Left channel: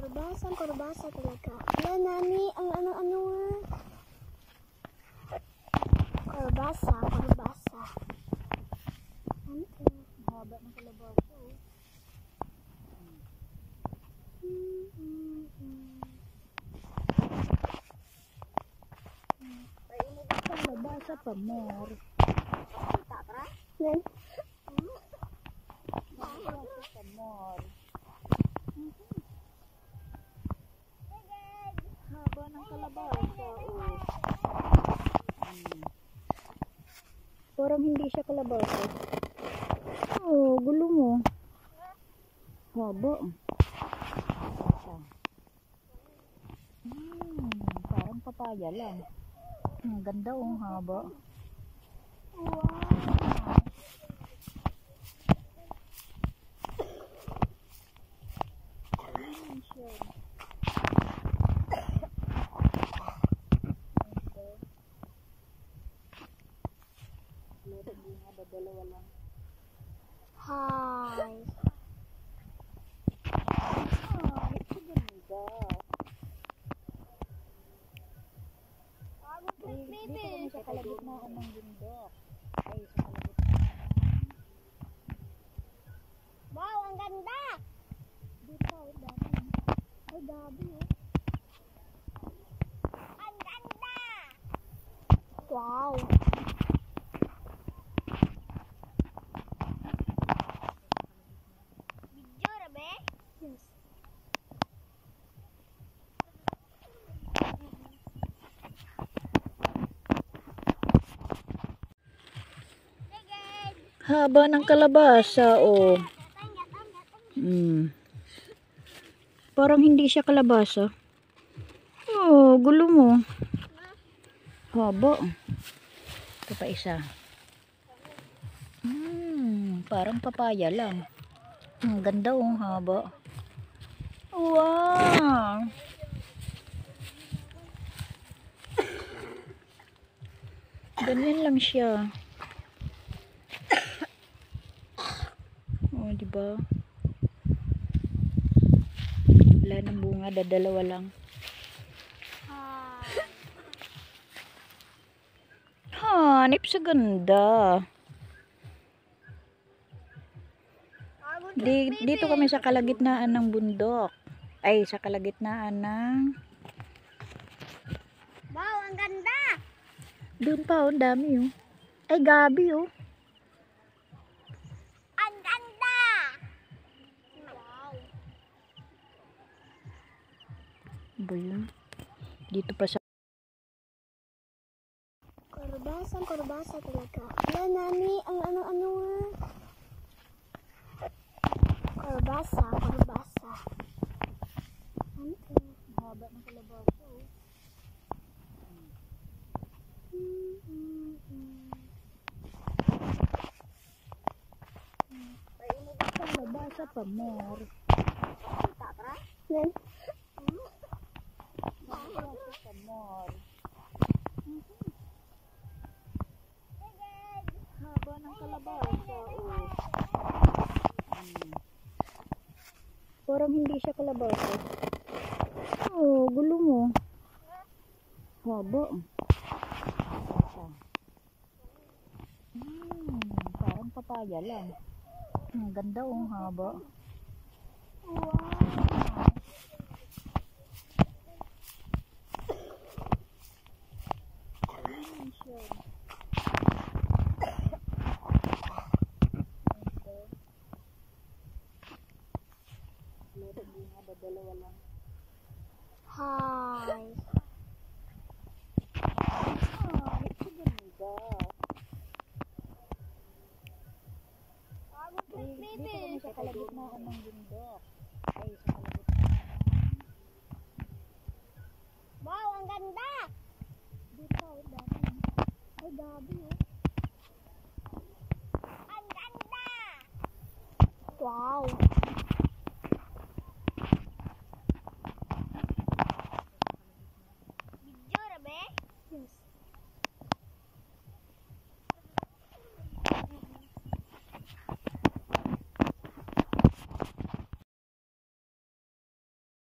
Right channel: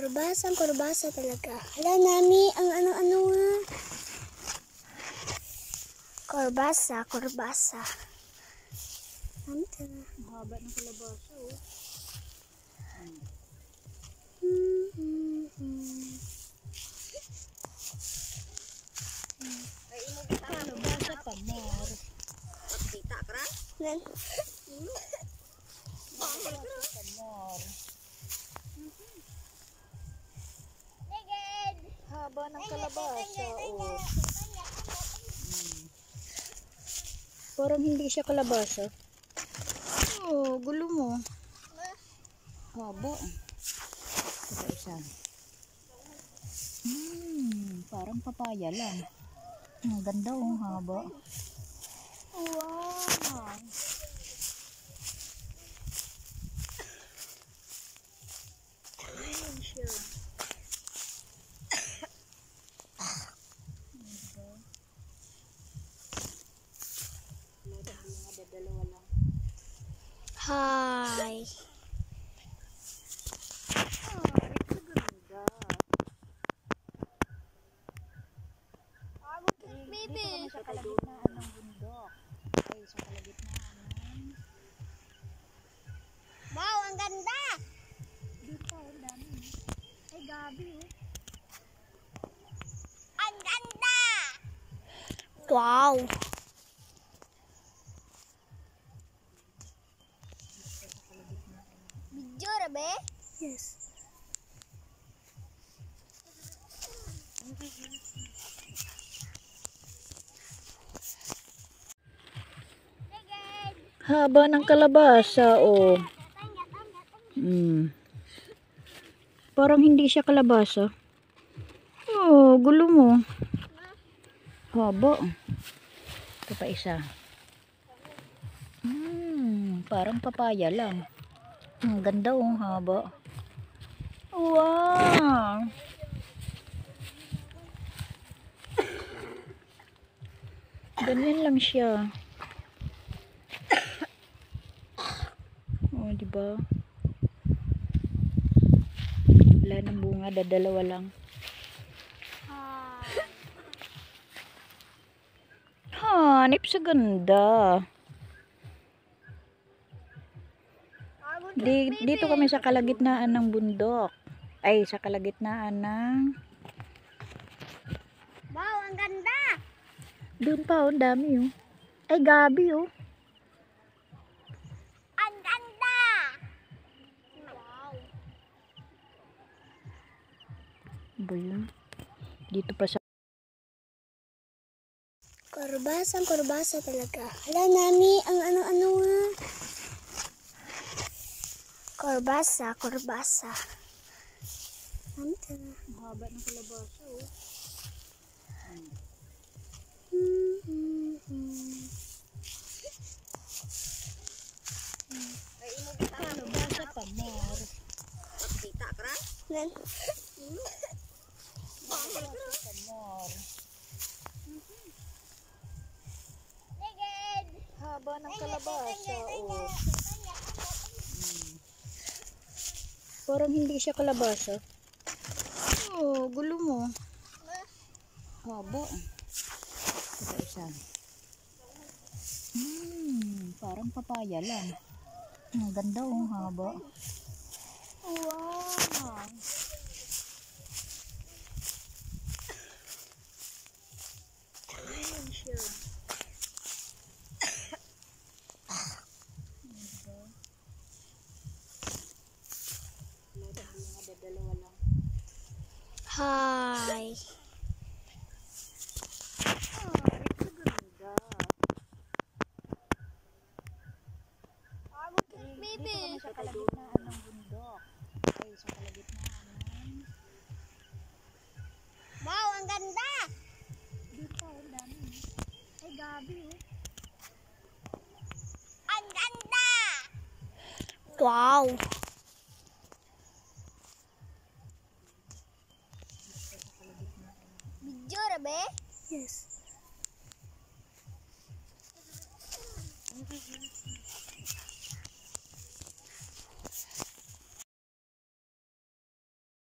Kurbasa talaga. Wala nami ang ano-ano nga. Kurbasa. Ano ito? Mahaba ng kalabasa, oh. Kalabasa pa more. Kita ka? Nan. Kalabasa pa more. Haba ng kalabasa, oh. Parang hindi siya kalabasa. Oh, gulo mo. Haba. Parang papaya lang. Ang ganda, oh, haba. Wow. Ayun siya. Dalawa lang. Hi. It's a ganda. Dito kami sa kalagitnaan ng bundok. Ay, sa kalagitnaan ng... Wow, ang ganda. Dito, ang dami. Ay, gabi, oh. Ang ganda. Wow. Video rabe? Yes. Haba ng kalabasa, oh. Parang hindi siya kalabasa. Oh, gulo mo. Haba. Ito pa isa. Parang papaya lang. Ang ganda, oh, haba. Wow. Ganyan lang siya. Oh, diba? Wala nang bunga, dalawa lang. Hanip sa ganda. Dito kami sa kalagitnaan ng bundok. Ay, sa kalagitnaan ng... Wow, ang ganda. Doon pa, oh, dami, oh. Ay, gabi, oh. Ang ganda. Wow. Ba yun? Dito pa sa... Kurbasa talaga. Wala nami ang ano-ano nga. Kurbasa. Ano ito? Mahaba ng kalabasa, oh. Kalabasa pa more. Kita ka? Nan. Kalabasa pa more. Haba ng kalabasa, oh. Parang hindi siya kalabasa. Oh, gulo mo. Haba. Parang papaya lang. Ang ganda, oh, haba. Wow. Ayun siya. Dalawa lang. Hi. It's a ganda. Dito kami sa kalagitnaan ng bundok. Ay, sa kalagitnaan ng... Wow, ang ganda. Dito, ang dami. Ay, gabi, oh. Ang ganda. Wow.